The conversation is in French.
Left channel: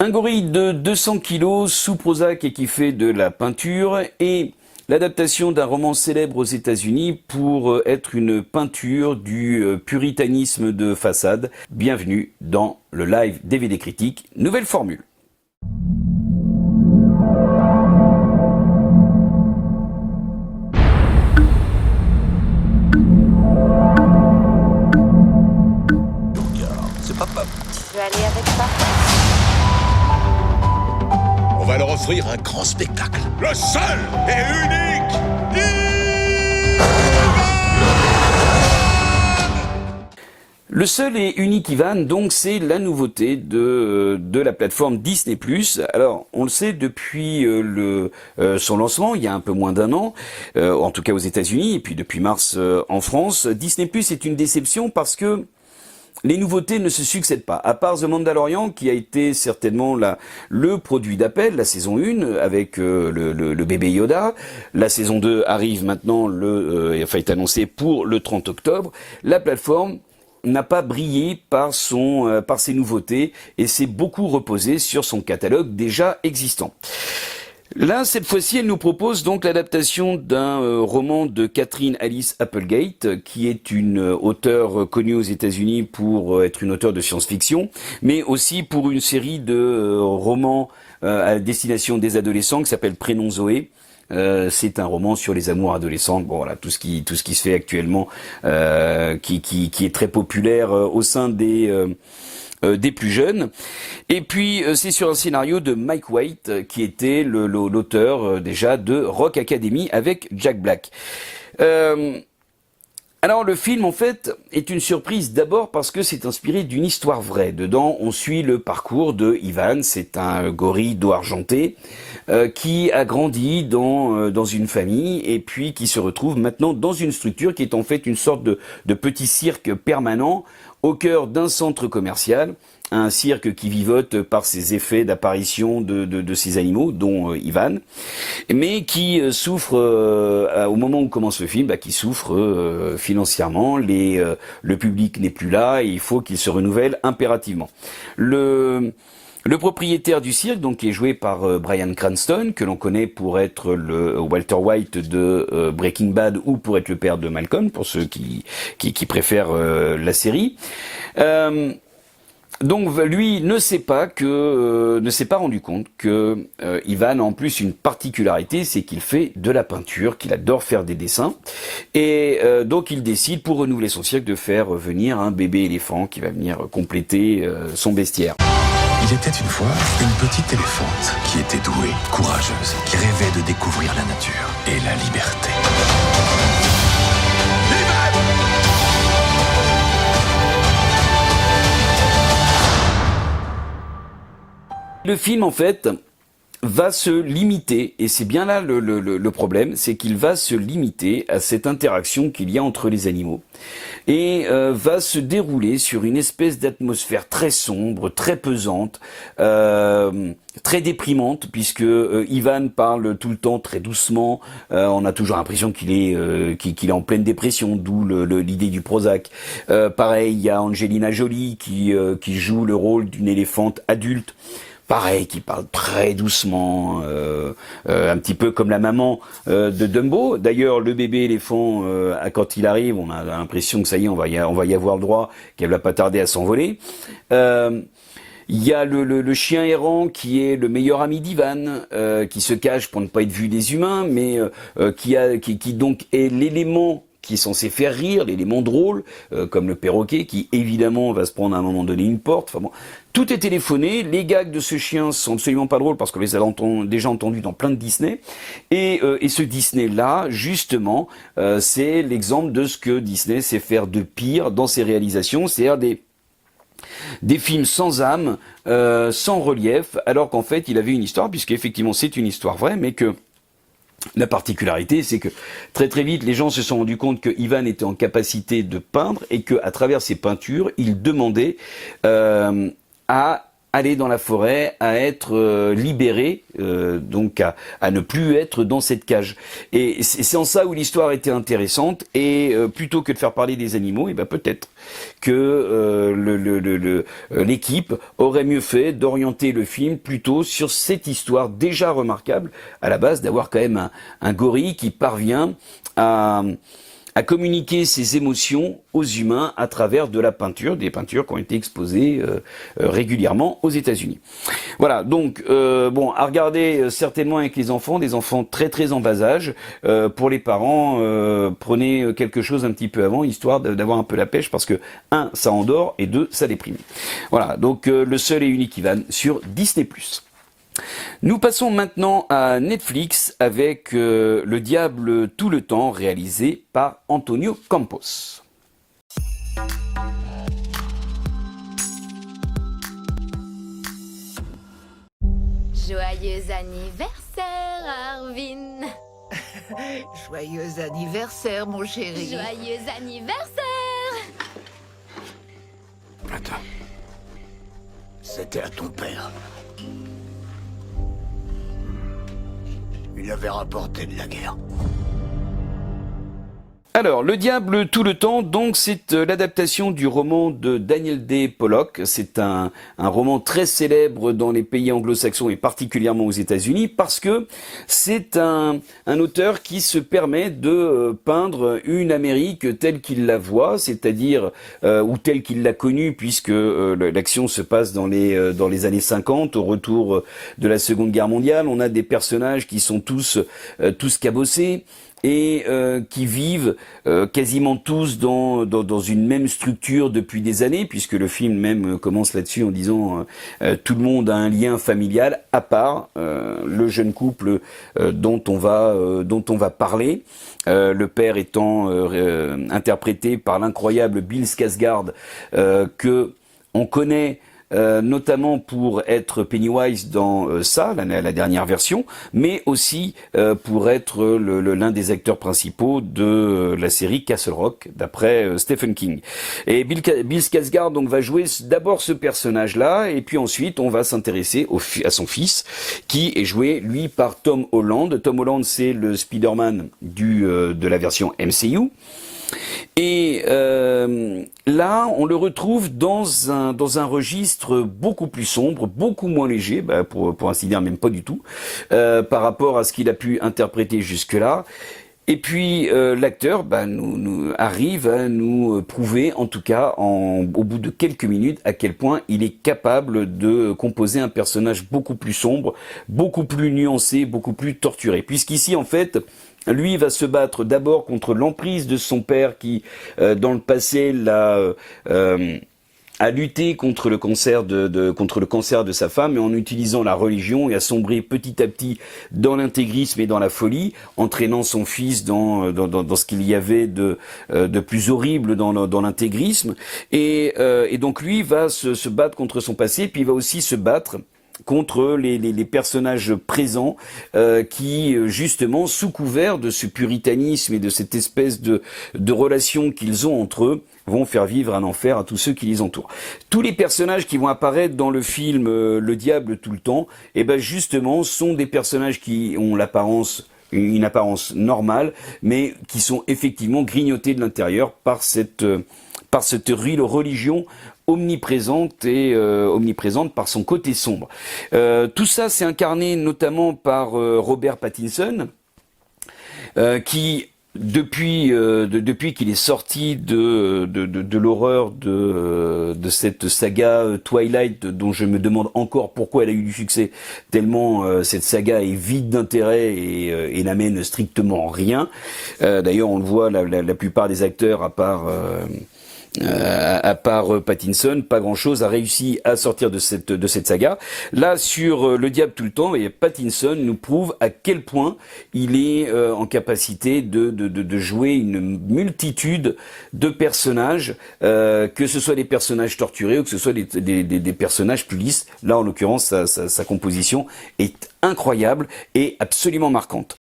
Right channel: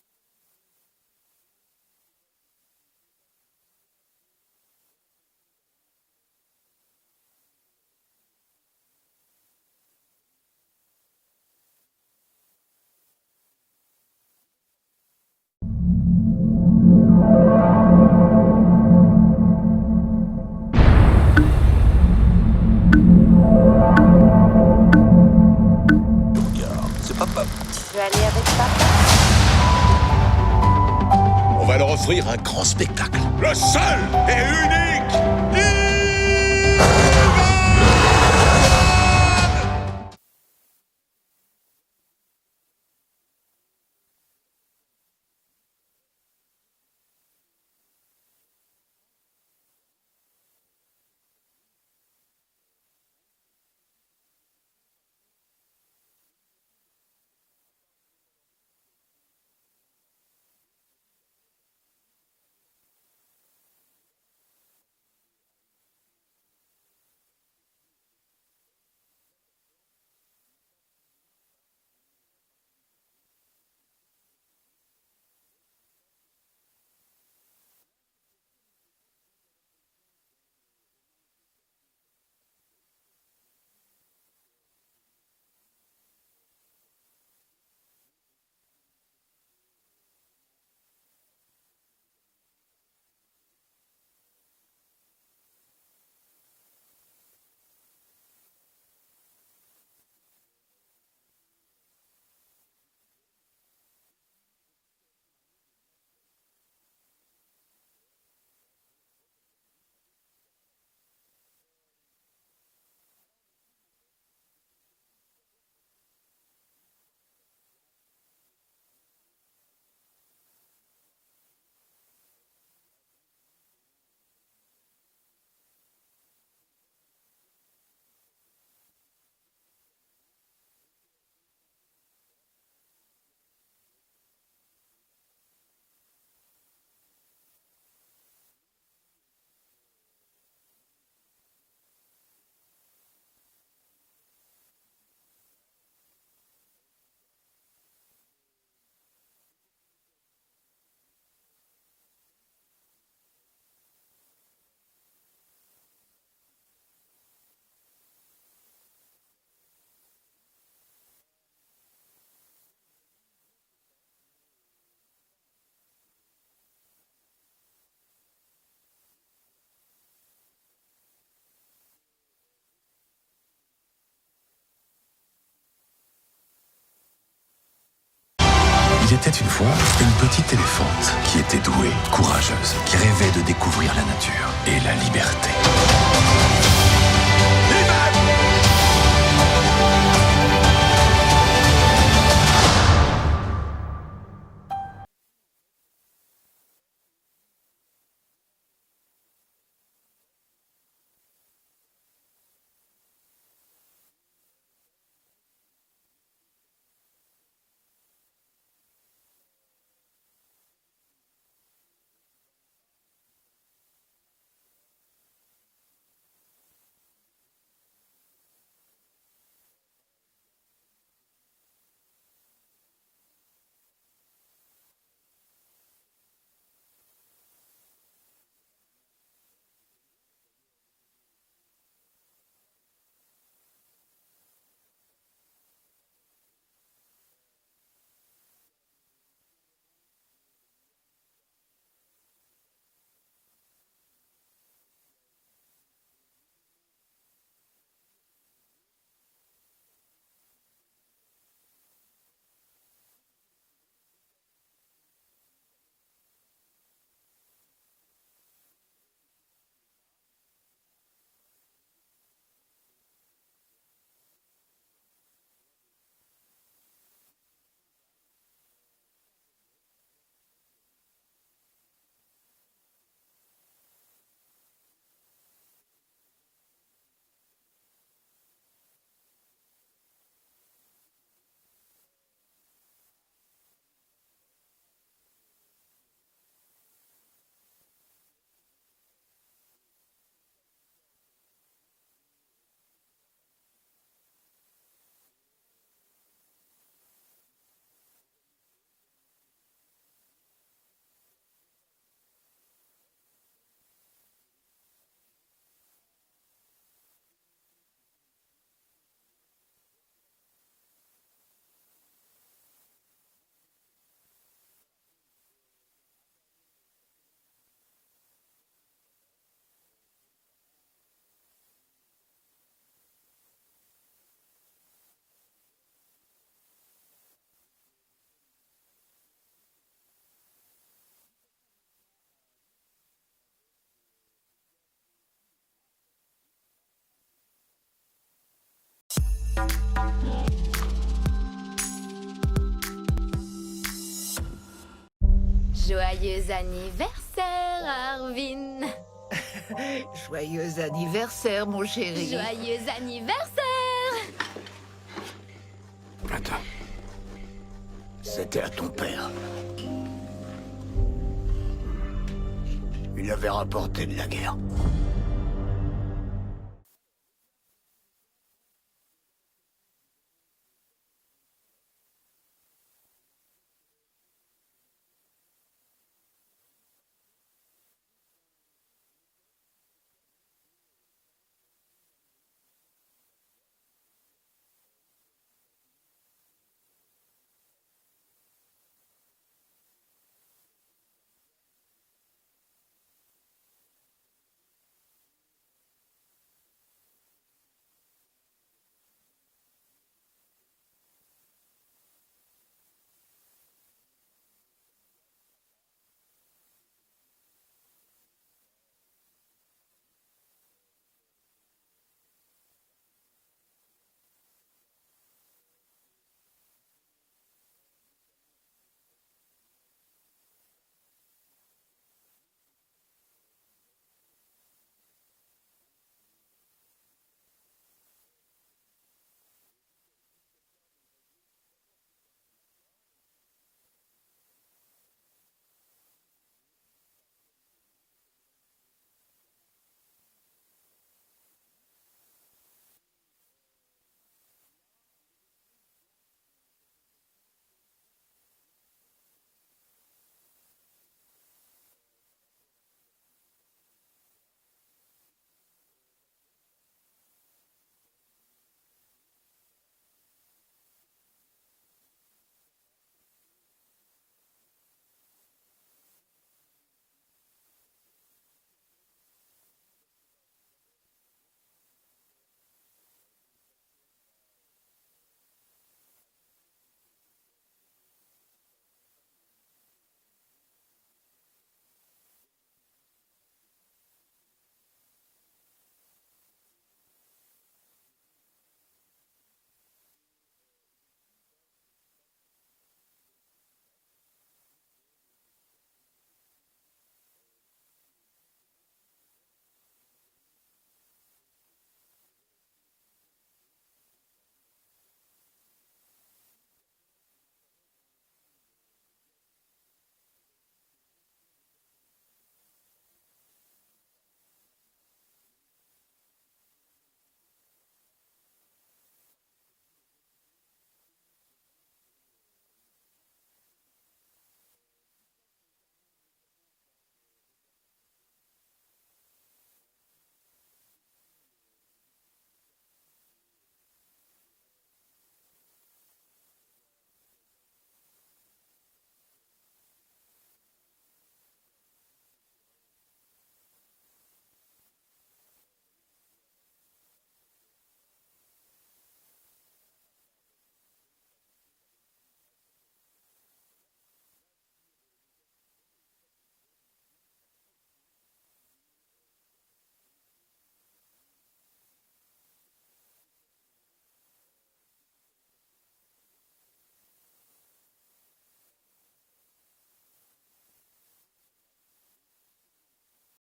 Un gorille de 200 kilos sous Prozac et qui fait de la peinture et l'adaptation d'un roman célèbre aux États-Unis pour être une peinture du puritanisme de façade. Bienvenue dans le live DVD critique, nouvelle formule. C'est papa. Tu veux aller avec papa? On va leur offrir un grand spectacle. Le seul et unique Ivan. Le seul et unique Ivan, donc, c'est la nouveauté de la plateforme Disney+. Alors, on le sait, depuis son lancement, il y a un peu moins d'un an, en tout cas aux États-Unis, et puis depuis mars en France, Disney+ est une déception parce que les nouveautés ne se succèdent pas, à part The Mandalorian, qui a été certainement le produit d'appel, la saison 1, avec le bébé Yoda. La saison 2 arrive maintenant, est annoncée pour le 30 octobre. La plateforme n'a pas brillé par ses nouveautés et s'est beaucoup reposé sur son catalogue déjà existant. Là, cette fois-ci, elle nous propose donc l'adaptation d'un roman de Catherine Alice Applegate, qui est une auteure connue aux États-Unis pour être une auteure de science-fiction, mais aussi pour une série de romans à destination des adolescents qui s'appelle Prénom Zoé. C'est un roman sur les amours adolescentes. Bon, voilà, tout ce qui se fait actuellement, qui est très populaire au sein des plus jeunes. Et puis c'est sur un scénario de Mike White, qui était l'auteur déjà de Rock Academy avec Jack Black. Alors le film en fait est une surprise d'abord parce que c'est inspiré d'une histoire vraie. Dedans on suit le parcours de Ivan, c'est un gorille dos argenté qui a grandi dans une famille et puis qui se retrouve maintenant dans une structure qui est en fait une sorte de petit cirque permanent au cœur d'un centre commercial. Un cirque qui vivote par ses effets d'apparition de ces animaux, dont Ivan, mais qui souffre, au moment où commence le film, qui souffre financièrement, le public n'est plus là, et il faut qu'il se renouvelle impérativement. Le propriétaire du cirque, donc, qui est joué par Bryan Cranston, que l'on connaît pour être le Walter White de Breaking Bad ou pour être le père de Malcolm, pour ceux qui préfèrent la série. Donc lui ne s'est pas rendu compte que Ivan a en plus une particularité, c'est qu'il fait de la peinture, qu'il adore faire des dessins, et donc il décide pour renouveler son cirque de faire venir un bébé éléphant qui va venir compléter son bestiaire. Il était une fois une petite éléphante qui était douée, courageuse, qui rêvait de découvrir la nature et la liberté. Ivan. Le film, en fait, va se limiter, et c'est bien là le problème, c'est qu'il va se limiter à cette interaction qu'il y a entre les animaux, et va se dérouler sur une espèce d'atmosphère très sombre, très pesante, très déprimante, puisque Ivan parle tout le temps très doucement, on a toujours l'impression qu'il est en pleine dépression, d'où l'idée du Prozac. Pareil, il y a Angelina Jolie qui joue le rôle d'une éléphante adulte, pareil, qui parle très doucement, un petit peu comme la maman de Dumbo. D'ailleurs, le bébé éléphant, quand il arrive, on a l'impression que ça y est, on va y avoir le droit, qu'elle va pas tarder à s'envoler. Il y a le chien errant qui est le meilleur ami d'Ivan, qui se cache pour ne pas être vu des humains, mais qui donc est l'élément qui est censé faire rire, l'élément drôle, comme le perroquet, qui évidemment va se prendre à un moment donné une porte. Enfin bon, tout est téléphoné. Les gags de ce chien sont absolument pas drôles parce qu'on les a déjà entendus dans plein de Disney. Et ce Disney-là, justement, c'est l'exemple de ce que Disney sait faire de pire dans ses réalisations, c'est-à-dire des films sans âme, sans relief, alors qu'en fait il avait une histoire, puisqu'effectivement c'est une histoire vraie, mais que la particularité, c'est que très très vite, les gens se sont rendus compte que Ivan était en capacité de peindre et qu'à travers ses peintures, il demandait à aller dans la forêt, à être libéré, donc à ne plus être dans cette cage. Et c'est en ça où l'histoire était intéressante, et plutôt que de faire parler des animaux, et ben peut-être que l'équipe aurait mieux fait d'orienter le film plutôt sur cette histoire déjà remarquable, à la base d'avoir quand même un gorille qui parvient à communiquer ses émotions aux humains à travers de la peinture, des peintures qui ont été exposées régulièrement aux États-Unis. Voilà, donc bon, à regarder certainement avec les enfants, des enfants très très en bas âge. Pour les parents, prenez quelque chose un petit peu avant, histoire d'avoir un peu la pêche, parce que 1, ça endort, et 2, ça déprime. Voilà, donc le seul et unique Ivan sur Disney+. Nous passons maintenant à Netflix avec Le Diable tout le temps, réalisé par Antonio Campos. Joyeux anniversaire, Arvin. Joyeux anniversaire, mon chéri. Joyeux anniversaire. Attends. C'était à ton père. Il avait rapporté de la guerre. Alors, Le Diable tout le temps, donc c'est l'adaptation du roman de Daniel D. Pollock. C'est un roman très célèbre dans les pays anglo-saxons et particulièrement aux États-Unis, parce que c'est un auteur qui se permet de peindre une Amérique telle qu'il la voit, c'est-à-dire ou telle qu'il l'a connue, puisque l'action se passe dans les années 50, au retour de la Seconde Guerre mondiale. On a des personnages qui sont tous cabossés, et qui vivent quasiment tous dans une même structure depuis des années, puisque le film même commence là-dessus en disant tout le monde a un lien familial, à part le jeune couple dont on va parler. Le père étant interprété par l'incroyable Bill Skarsgård, que on connaît notamment pour être Pennywise dans la dernière version, mais aussi pour être l'un des acteurs principaux de la série Castle Rock, d'après Stephen King. Et Bill Skarsgård donc va jouer d'abord ce personnage-là, et puis ensuite on va s'intéresser à son fils, qui est joué lui par Tom Holland. Tom Holland, c'est le Spider-Man de la version MCU. Et là, on le retrouve dans un registre beaucoup plus sombre, beaucoup moins léger, pour ainsi dire même pas du tout, par rapport à ce qu'il a pu interpréter jusque-là. Et puis l'acteur nous arrive à nous prouver, en tout cas au bout de quelques minutes, à quel point il est capable de composer un personnage beaucoup plus sombre, beaucoup plus nuancé, beaucoup plus torturé. Puisqu'ici, en fait, lui va se battre d'abord contre l'emprise de son père qui, dans le passé, a lutté contre le cancer de sa femme, et en utilisant la religion, et a sombré petit à petit dans l'intégrisme et dans la folie, entraînant son fils dans ce qu'il y avait de plus horrible dans l'intégrisme. Et donc lui va se battre contre son passé, puis il va aussi se battre contre les personnages présents qui, justement, sous couvert de ce puritanisme et de cette espèce de relation qu'ils ont entre eux, vont faire vivre un enfer à tous ceux qui les entourent. Tous les personnages qui vont apparaître dans le film Le Diable tout le temps, justement, sont des personnages qui ont une apparence normale, mais qui sont effectivement grignotés de l'intérieur par cette religion omniprésente par son côté sombre. Tout ça, c'est incarné notamment par Robert Pattinson, qui depuis qu'il est sorti de l'horreur de cette saga Twilight, dont je me demande encore pourquoi elle a eu du succès, tellement cette saga est vide d'intérêt et n'amène strictement rien. D'ailleurs, on le voit, la plupart des acteurs, à part Pattinson, pas grand-chose a réussi à sortir de cette saga. Là, sur Le Diable tout le temps, et Pattinson nous prouve à quel point il est en capacité de jouer une multitude de personnages, que ce soit des personnages torturés ou que ce soit des personnages plus lisses. Là, en l'occurrence, sa composition est incroyable et absolument marquante.